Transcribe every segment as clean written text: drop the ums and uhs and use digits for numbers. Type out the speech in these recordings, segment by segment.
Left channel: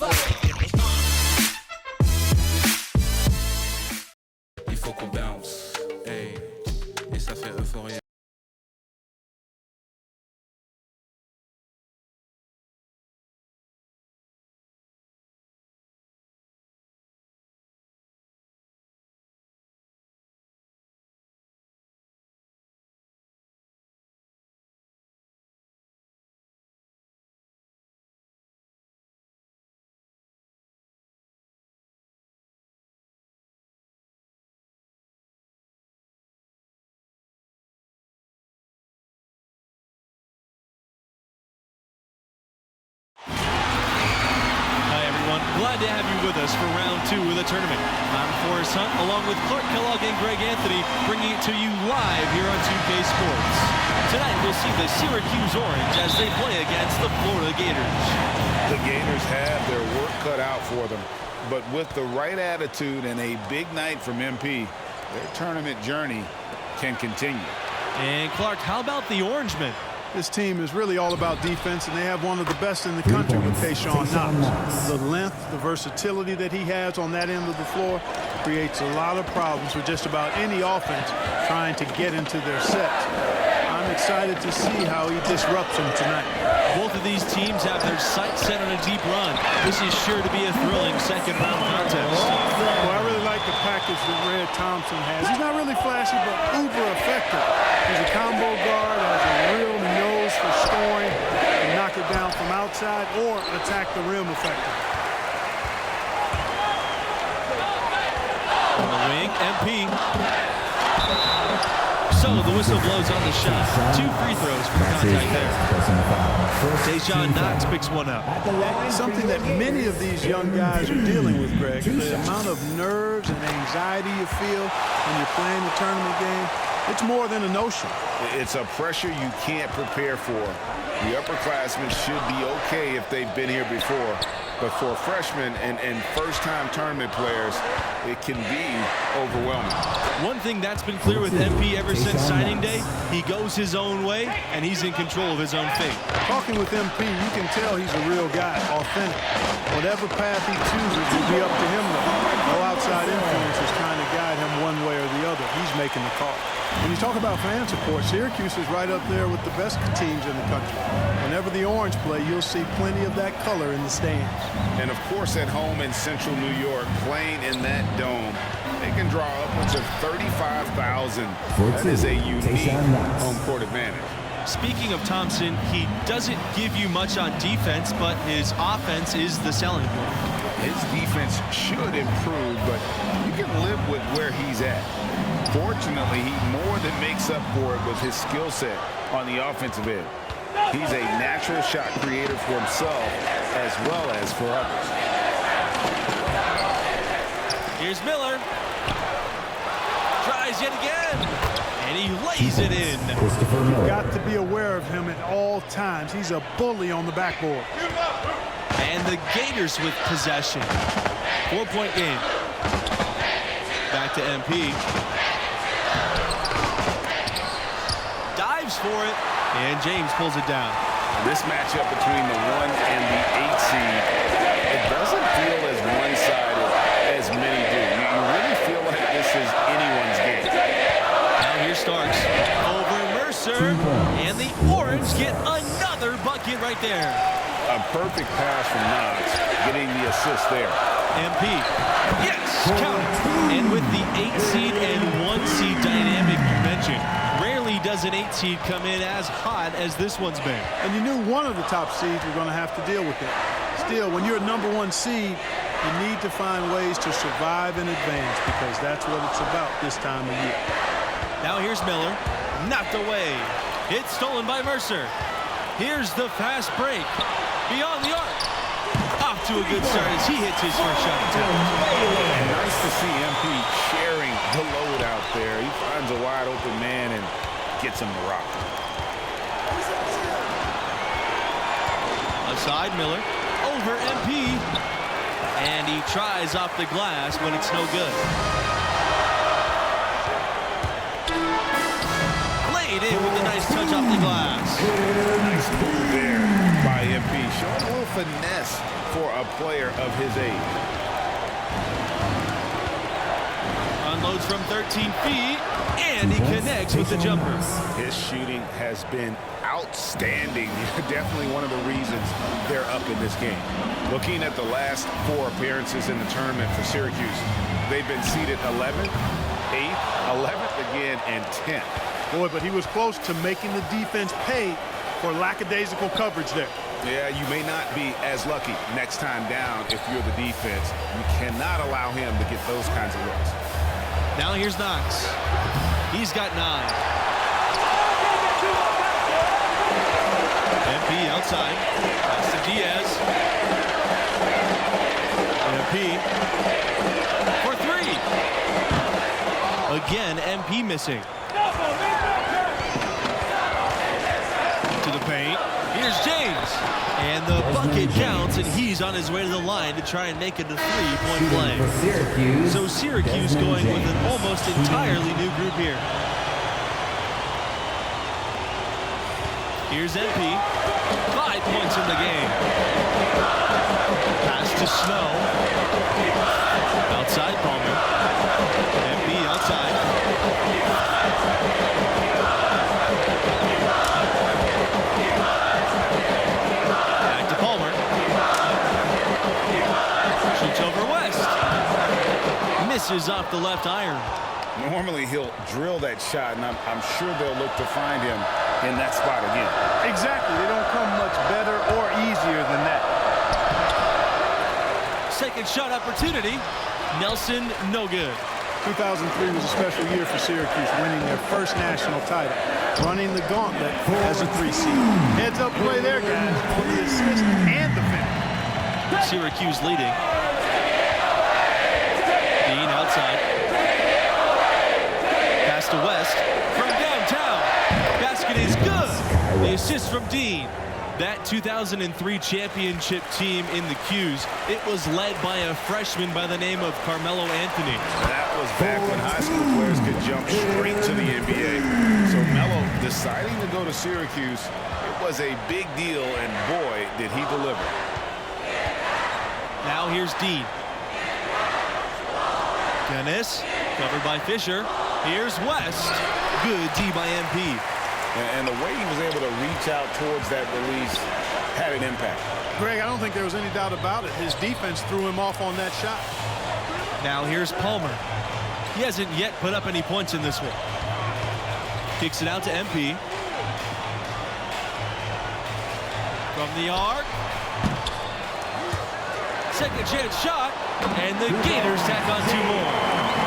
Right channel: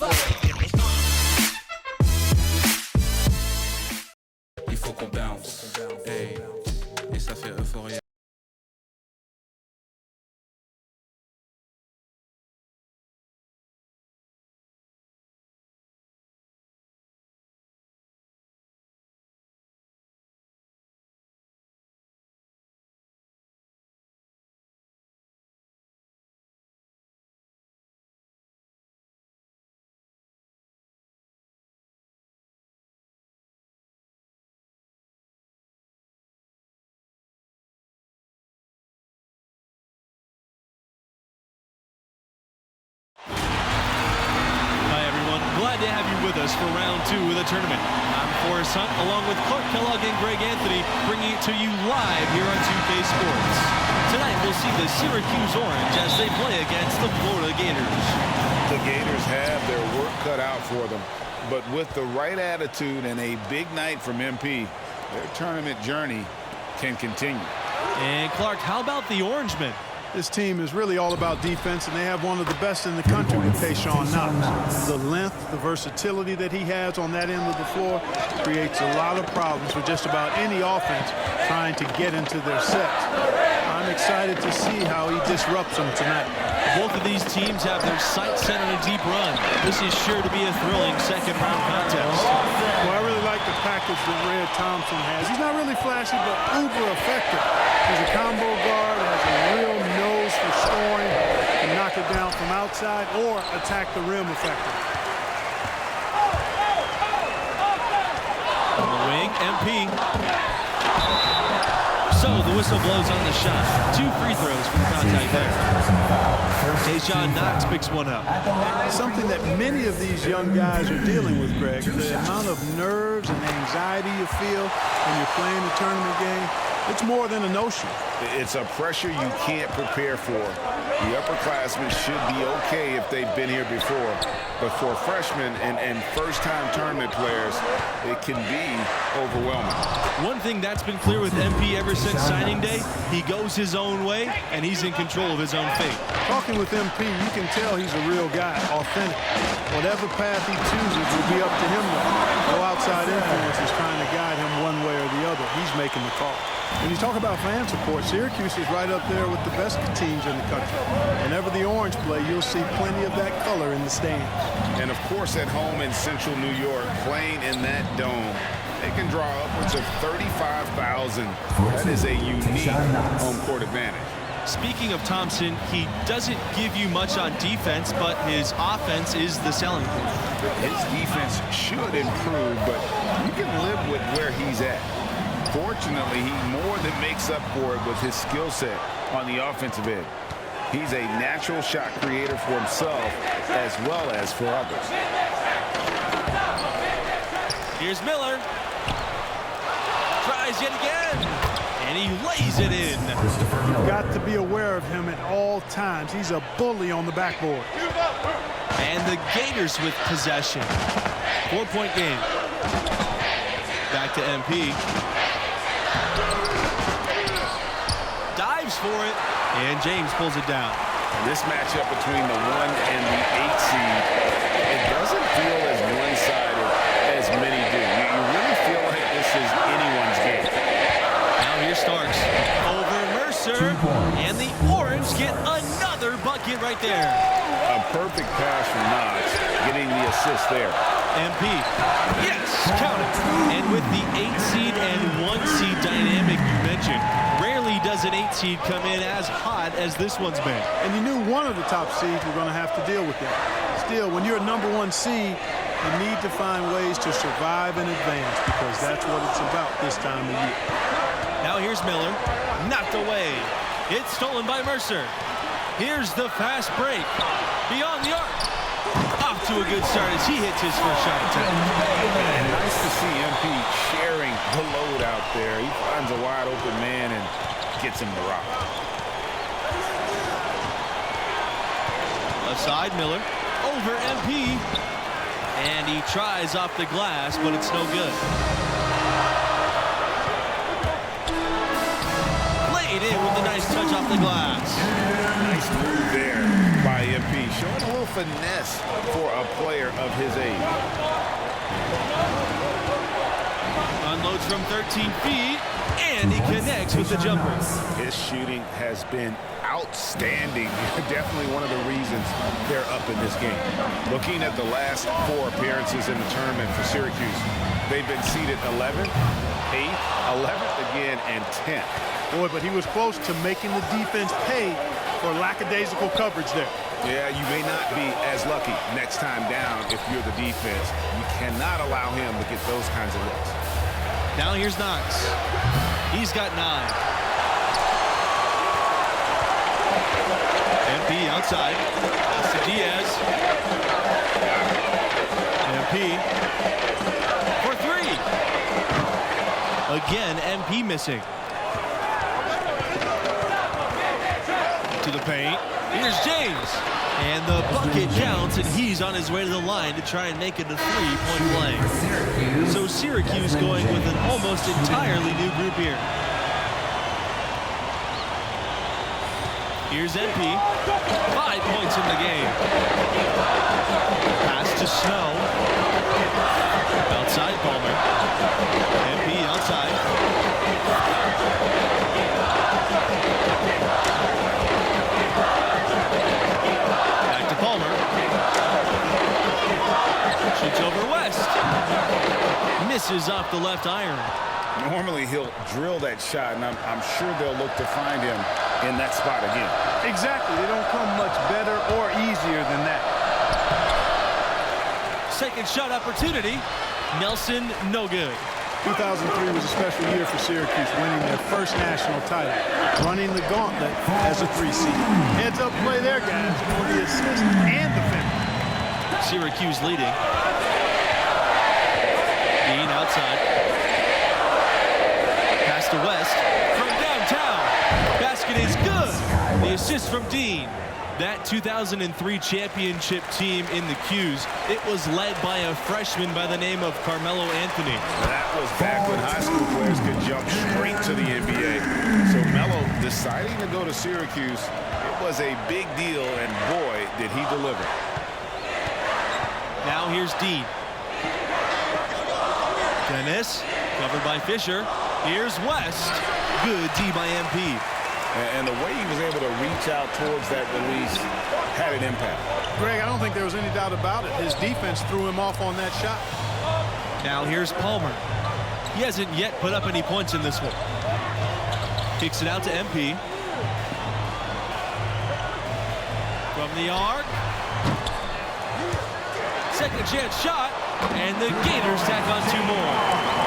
Il faut qu'on bounce, hey, et ça fait euphorie. Hi, everyone. Glad to have you with us for round 2 of the tournament. I'm Forrest Hunt, along with Clark Kellogg and Greg Anthony, bringing it to you live here on 2K Sports. Tonight, we'll see the Syracuse Orange as they play against the Florida Gators. The Gators have their work cut out for them, but with the right attitude and a big night from MP, their tournament journey can continue. And Clark, how about the Orangemen? This team is really all about defense, and they have one of the best in the country with Tayshawn Knox. The length, the versatility that he has on that end of the floor creates a lot of problems for just about any offense trying to get into their sets. I'm excited to see how he disrupts them tonight. Both of these teams have their sights set on a deep run. This is sure to be a thrilling second-round contest. Well, I really like the package that Red Thompson has. He's not really flashy, but uber effective. He's a combo guard, has a real nose for scoring, can knock it down from outside or attack the rim effectively. On the wing, MP. So the whistle blows on the shot. 2 free throws for the contact there. Tayshawn Knox picks one up. Something that many of these young guys are dealing with, Greg, the amount of nerves and anxiety you feel when you're playing a tournament game. It's more than a notion. It's a pressure you can't prepare for. The upperclassmen should be okay if they've been here before. But for freshmen and first-time tournament players, it can be overwhelming. One thing that's been clear with MP ever since signing day, he goes his own way, and he's in control of his own fate. Talking with MP, you can tell he's a real guy, authentic. Whatever path he chooses will be up to him, though. No outside influence is trying to guide him one way or the other. He's making the call. When you talk about fan support, Syracuse is right up there with the best teams in the country. Whenever the Orange play, you'll see plenty of that color in the stands. And, of course, at home in central New York, playing in that dome, they can draw upwards of 35,000. That is a unique home court advantage. Speaking of Thompson, he doesn't give you much on defense, but his offense is the selling point. His defense should improve, but you can live with where he's at. Fortunately, he more than makes up for it with his skill set on the offensive end. He's a natural shot creator for himself as well as for others. Here's Miller. Tries yet again. And he lays it in. You've got to be aware of him at all times. He's a bully on the backboard. And the Gators with possession. 4-point game. Back to MP. Dives for it, and James pulls it down. This matchup between the 1 and the 8 seed, it doesn't feel as one-sided as many do. You really feel like this is anyone's game. Now here's Starks over Mercer, and the Orange get another bucket right there. A perfect pass from Knox, getting the assist there. MP, yes, count it. And with the 8 seed and 1 seed dynamic you mentioned, rarely does an 8 seed come in as hot as this one's been. And you knew one of the top seeds were going to have to deal with them. Still, when you're a #1 seed, you need to find ways to survive and advance because that's what it's about this time of year. Now here's Miller, knocked away. It's stolen by Mercer. Here's the fast break. Beyond the arc. Off to a good start as he hits his first shot attempt. And nice to see MP sharing the load out there. He finds a wide open man and gets him the rock. Left side, Miller over MP. And he tries off the glass, but it's no good. Laid in with a nice nice touch off the glass. Nice move there by MP, showing a little finesse for a player of his age. Unloads from 13 feet, and he connects with the jumper. His shooting has been outstanding. Definitely one of the reasons they're up in this game. Looking at the last 4 appearances in the tournament for Syracuse, they've been seeded 11th, 8th, 11th again, and 10th. Boy, but he was close to making the defense pay for lackadaisical coverage there. Yeah, you may not be as lucky next time down if you're the defense. You cannot allow him to get those kinds of looks. Now here's Knox. He's got 9. MP outside. Pass to Diaz. MP for 3. Again, MP missing. To the paint. Here's James. And the bucket counts, and he's on his way to the line to try and make it a 3-point play. So Syracuse going with an almost entirely new group here. Here's MP. 5 points in the game. Pass to Snow. Outside Palmer. MP outside. Back to Palmer. Shoots over West. Misses off the left iron. Normally he'll drill that shot, and I'm sure they'll look to find him in that spot again. Exactly. They don't come much better or easier than that. Second shot opportunity. Nelson, no good. 2003 was a special year for Syracuse, winning their first national title, running the gauntlet as a 3 seed. Heads up play there, guys, for the assist and the finish. Syracuse leading. Dean outside. Pass to West from downtown. Basket is good. The assist from Dean. That 2003 championship team in the Qs, it was led by a freshman by the name of Carmelo Anthony. That was back when high school players could jump straight to the NBA. So Melo deciding to go to Syracuse, it was a big deal, and boy, did he deliver. Now here's Dean. Dennis, covered by Fisher. Here's West. Good D by MP. And the way he was able to reach out towards that release had an impact. Greg, I don't think there was any doubt about it. His defense threw him off on that shot. Now here's Palmer. He hasn't yet put up any points in this one. Kicks it out to MP. From the arc. Second chance shot. And the Gators tack on 2 more.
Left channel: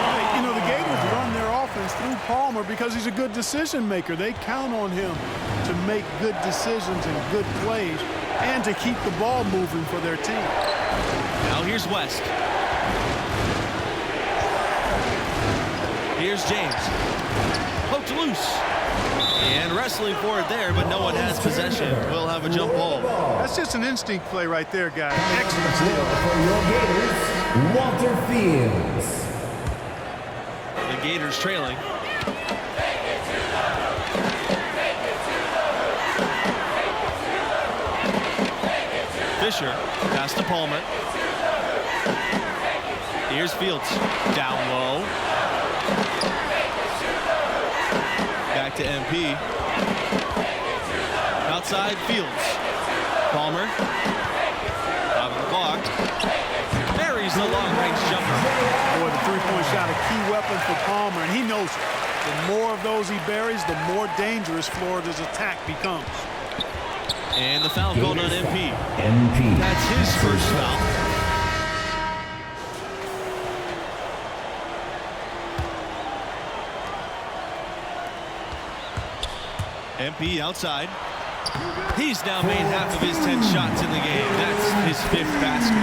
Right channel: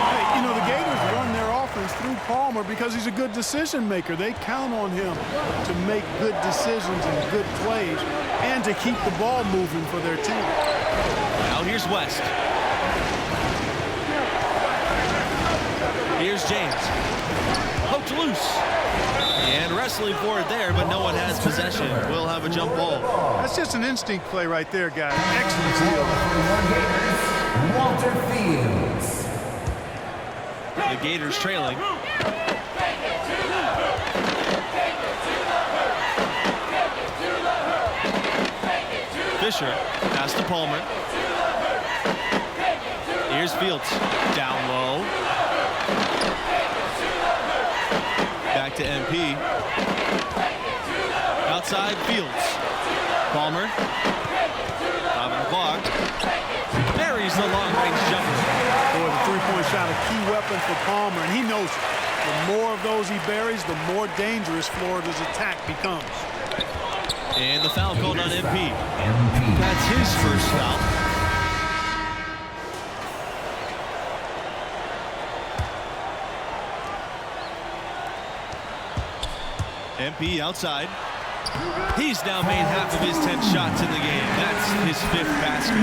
Hey, you know, the Gators run their offense through Palmer because he's a good decision maker. They count on him to make good decisions and good plays and to keep the ball moving for their team. Now here's West. Here's James. Poked loose. And wrestling for it there, but no one has possession. We'll have a jump ball. That's just an instinct play right there, guys. Excellent steal. For your Gators, Walter Fields. The Gators trailing. Fisher, pass to Palmer. Here's Fields, down low. Back to MP. Outside Fields. Palmer. 5 on the clock. Buries the long-range jumper. Boy, the three-point shot, a key weapon for Palmer, and he knows it. The more of those he buries, the more dangerous Florida's attack becomes. And the foul called on MP. MP. That's his first foul. MP outside. He's now made half of his 10 shots in the game. That's his 5th basket.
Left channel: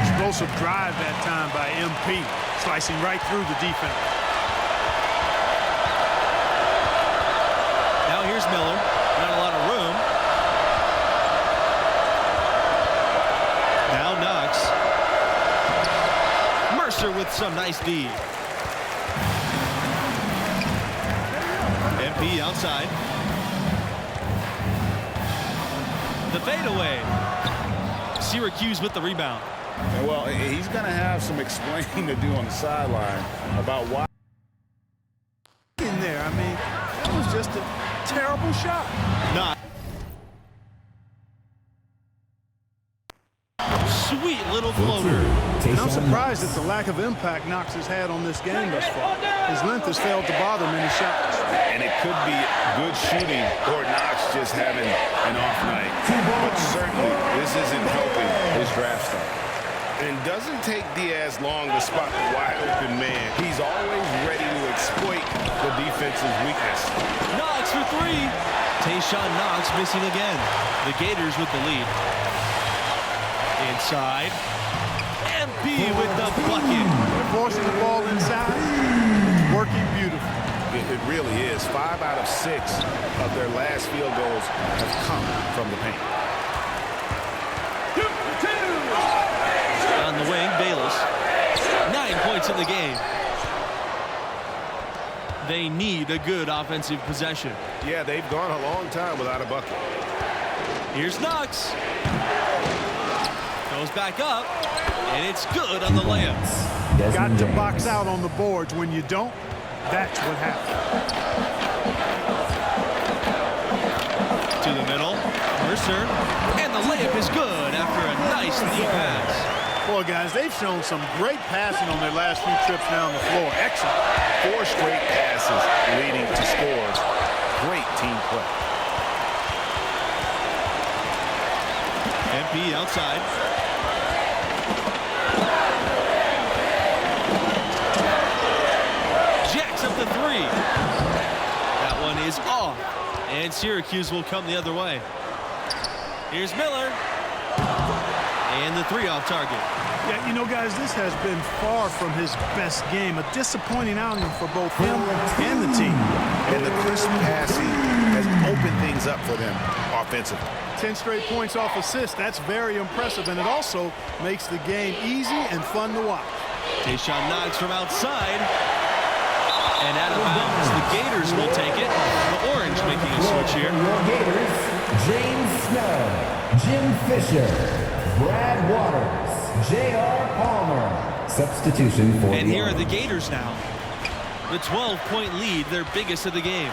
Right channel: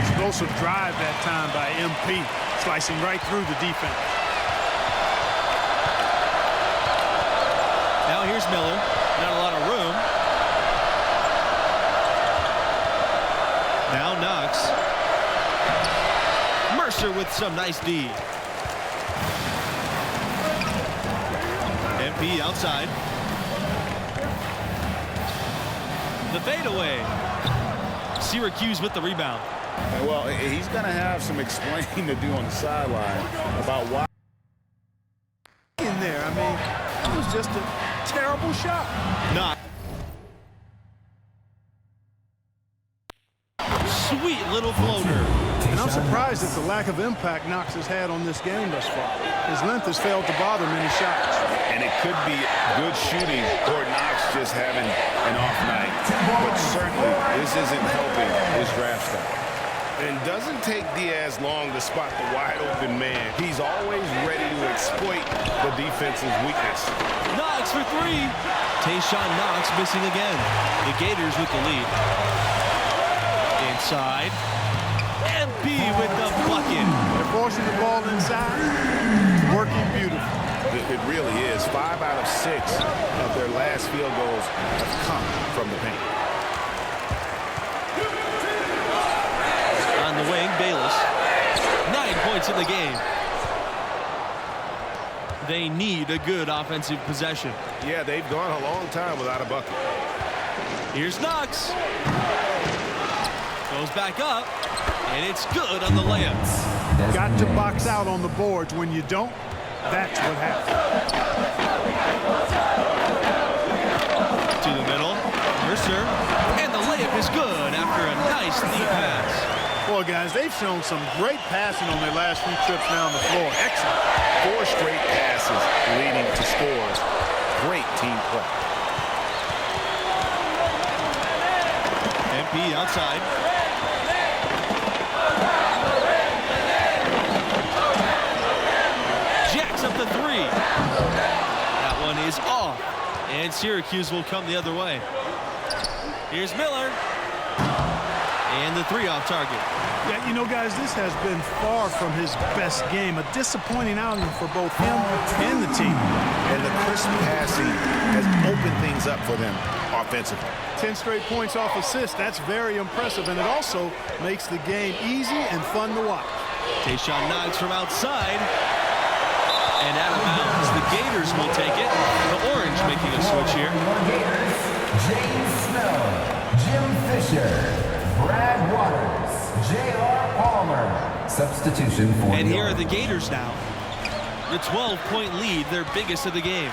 Explosive drive that time by MP, slicing right through the defense. Now here's Miller. Not a lot of room. Now Knox. Mercer with some nice D. MP outside. The fadeaway. Syracuse with the rebound. And well, he's going to have some explaining to do on the sideline about why. In there, I mean, that was just a terrible shot. Not. Sweet little floater. And I'm surprised at the lack of impact Knox has had on this game thus far. His length has failed to bother many shots. And it could be good shooting or Knox just having an off night. But certainly, this isn't helping his draft stock. And doesn't take Diaz long to spot the wide open man. He's always ready to exploit the defense's weakness. Knox for three. Tayshaun Knox missing again. The Gators with the lead. Inside. MP with the bucket. They're forcing the ball inside. It's working beautiful. It really is. 5 out of 6 of their last field goals have come from the paint. On the wing, Bayless. 9 points in the game. They need a good offensive possession. Yeah, they've gone a long time without a bucket. Here's Knox. Goes back up, and it's good on the layup. Got to box out on the boards. When you don't, that's what happens. To the middle, Mercer, and the layup is good after a nice knee pass. Boy, guys, they've shown some great passing on their last few trips down the floor. Excellent. 4 straight passes leading to scores. Great team play. MP outside. Jacks up the three. That one is off. And Syracuse will come the other way. Here's Miller. And the three off target. Yeah, you know, guys, this has been far from his best game. A disappointing outing for both him and the team. And the crisp passing has opened things up for them offensively. 10 straight points off assists. That's very impressive, and it also makes the game easy and fun to watch. Tayshaun Knox from outside. And out of bounds. The Gators will take it. The Orange making a switch here. Your Gators, James Snow, Jim Fisher, Brad Waters, J.R. Palmer. Substitution for And the here are Orange. the Gators now. The 12-point lead, their biggest of the game.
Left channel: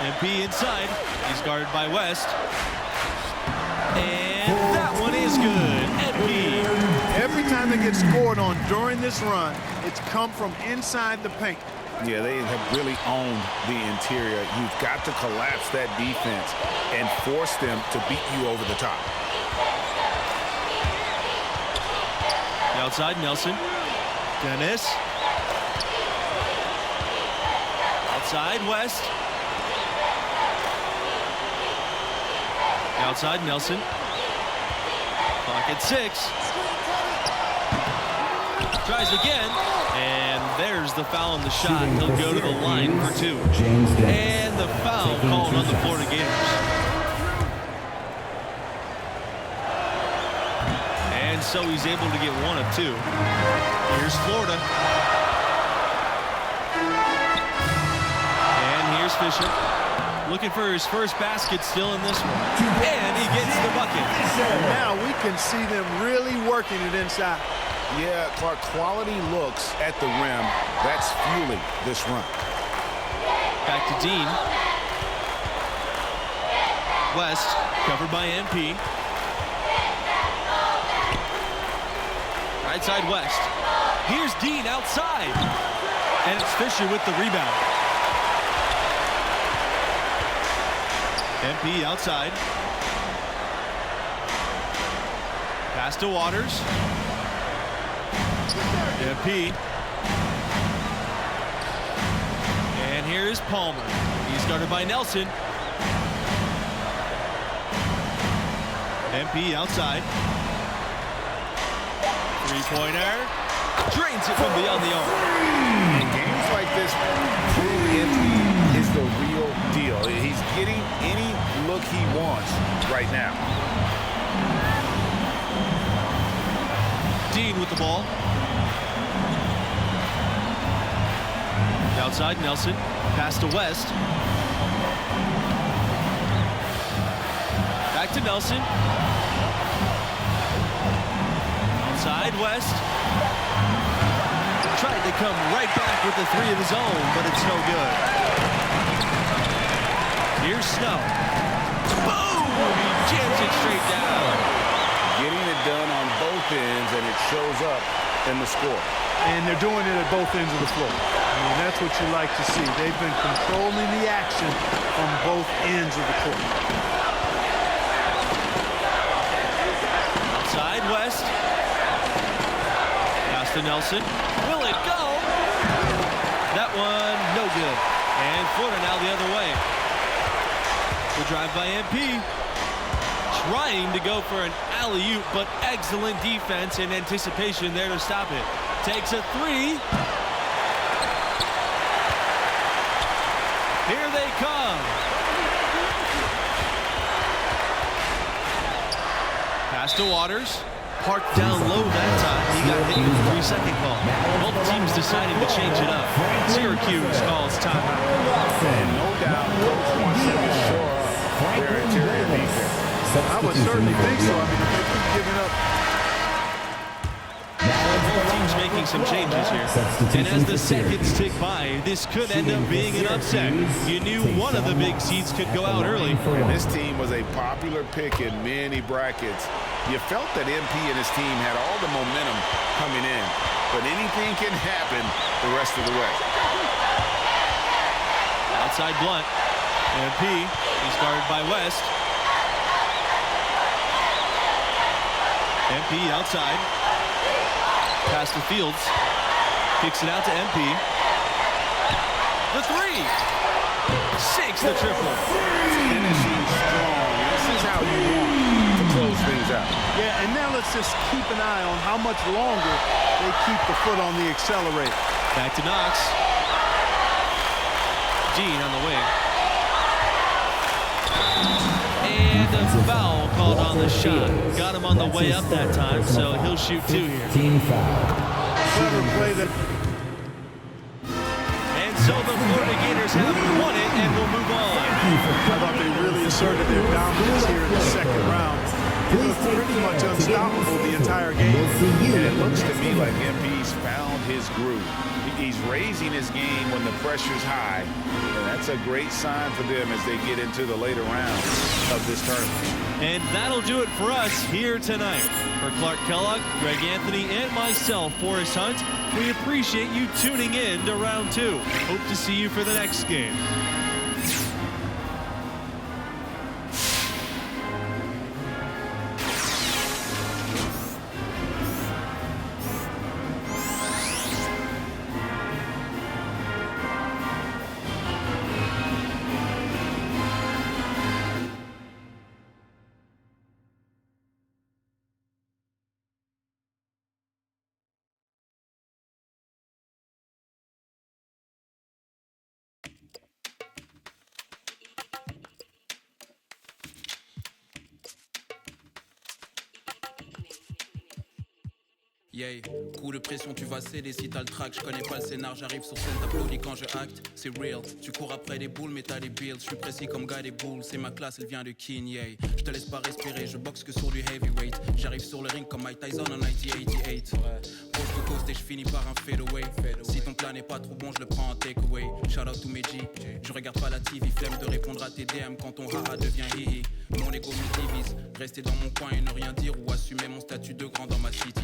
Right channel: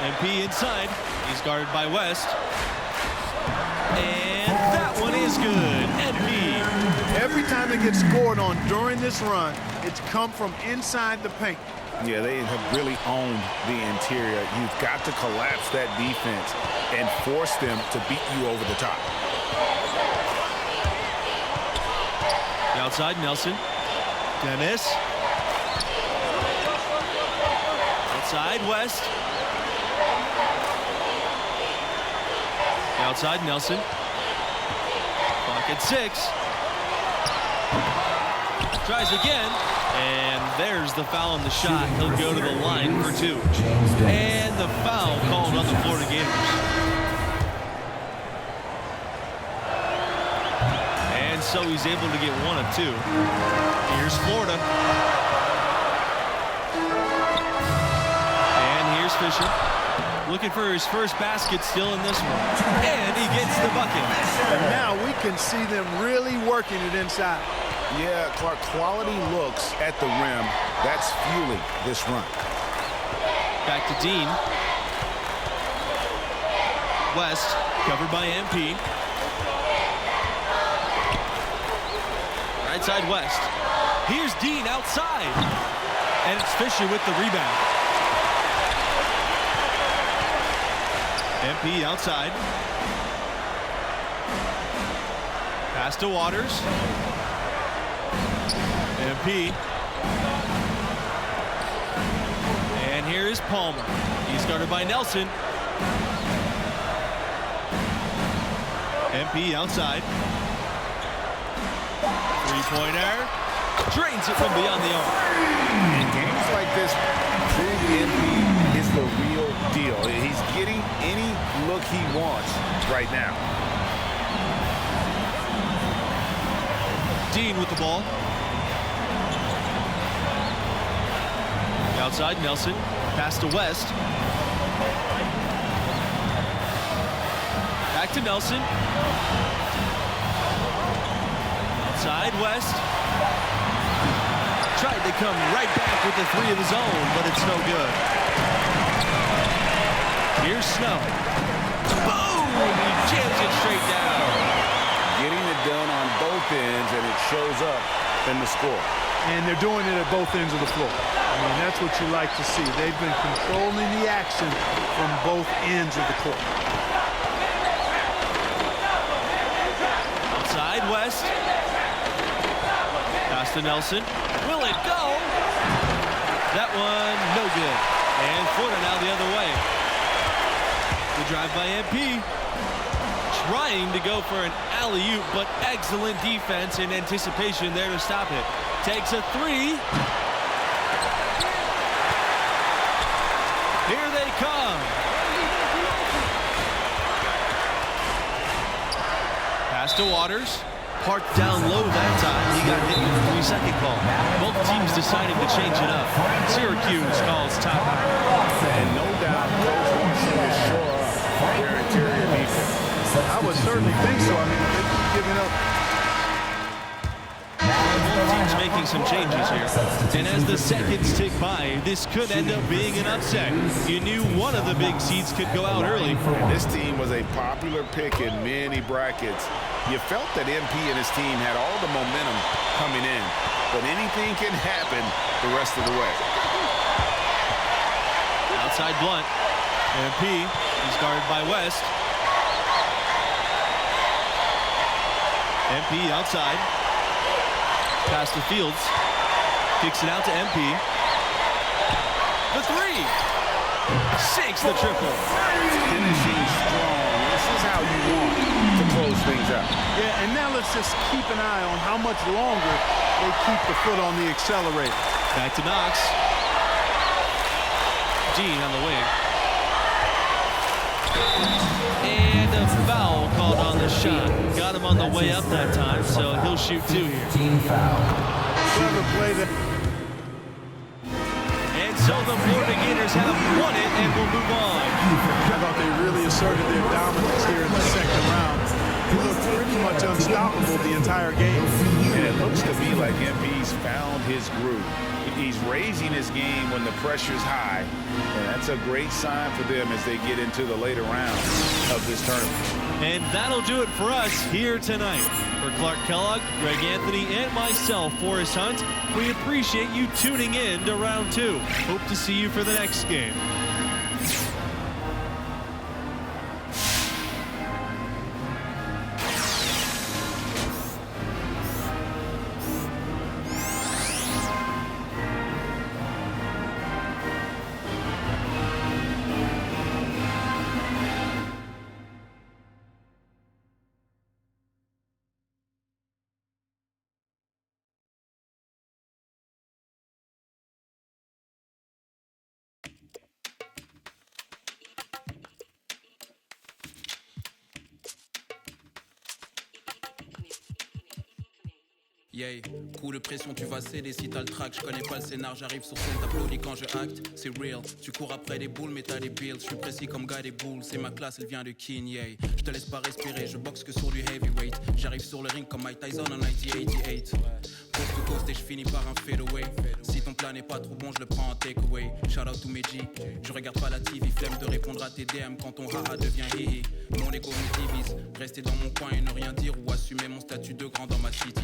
MP inside. He's guarded by West. And that one is good. MP. Every time they get scored on during this run, it's come from inside the paint. Yeah, they have really owned the interior. You've got to collapse that defense and force them to beat you over the top. The outside, Nelson. Dennis. Outside, West. The outside, Nelson. Clock at 6. Tries again. And there's the foul on the shot. He'll go to the line for 2. James Dennis. And the foul called on the Florida Gators. And so he's able to get 1 of 2. Here's Florida. And here's Fisher. Looking for his first basket still in this one. And he gets the bucket. And now we can see them really working it inside. Yeah, Clark, quality looks at the rim. That's fueling this run. Back to Dean. West, covered by MP. Right side West. Here's Dean outside. And it's Fisher with the rebound. MP outside. Pass to Waters. MP. And here is Palmer. He's guarded by Nelson. MP outside. Three-pointer. Drains it from beyond the arc. In games like this, prove MP is the real deal. He's getting any look he wants right now. Dean with the ball. The outside, Nelson. Pass to West. Back to Nelson. Outside West. Tried to come right back with the three of his own, but it's no good. Here's Snow. Boom! He jams it straight down. Getting it done on both ends, and it shows up in the score. And they're doing it at both ends of the floor. I mean, that's what you like to see. They've been controlling the action from both ends of the court. Outside West. Pass to Nelson. Will it go? That one, no good. And Florida now the other way. The drive by MP. Trying to go for an alley-oop, but excellent defense and anticipation there to stop it. Takes a three. Here they come. Pass to Waters. Parked down low that time. He got hit with the 3-second call. Both teams deciding to change it up. Syracuse calls timeout. And no doubt, coach wants them to shore up their interior defense. I would certainly think so. I mean, if they keep giving up. Both teams making some changes here. And as the seconds tick by, this could end up being an upset. You knew one of the big seeds could go out early. And this team was a popular pick in many brackets. You felt that MP and his team had all the momentum coming in, but anything can happen the rest of the way. Outside Blunt. MP, he's guarded by West. MP outside. Pass to Fields. Kicks it out to MP. The three. Sinks the triple. Finishing strong. This is how you want to close things out. Yeah, and now let's just keep an eye on how much longer they keep the foot on the accelerator. Back to Knox. Jean on the wing. And a foul called on the shot. Got him on the way up that time, so he'll shoot two here. Team foul. Clever play that. And so the Florida Gators have won it and will move on. I thought they really asserted their dominance here in the second round. They looked pretty much unstoppable the entire game. And it looks to me like MP's found his groove. He's raising his game when the pressure's high, and that's a great sign for them as they get into the later rounds of this tournament. And that'll do it for us here tonight. For Clark Kellogg, Greg Anthony, and myself, Forrest Hunt, we appreciate you tuning in to round two. Hope to see you for the next game. Yeah, coup de pression, tu vas céder si t'as le track. Je connais pas le scénar, j'arrive sur scène, t'applaudis quand je acte. C'est real, tu cours après des boules, mais t'as des bills. Je suis précis comme gars des boules, c'est ma classe, elle vient de King, yeah. Je te laisse pas respirer, je boxe que sur du heavyweight. J'arrive sur le ring comme Mike Tyson en 1988. Coast to coast et je finis par un fadeaway. Si ton plat n'est pas trop bon, je le prends en takeaway. Shout out to mes G, je regarde pas la TV, flemme de répondre à tes DM quand ton haha devient hihi. Mon ego me divise, rester dans mon coin et ne rien dire ou assumer mon statut de grand dans ma city.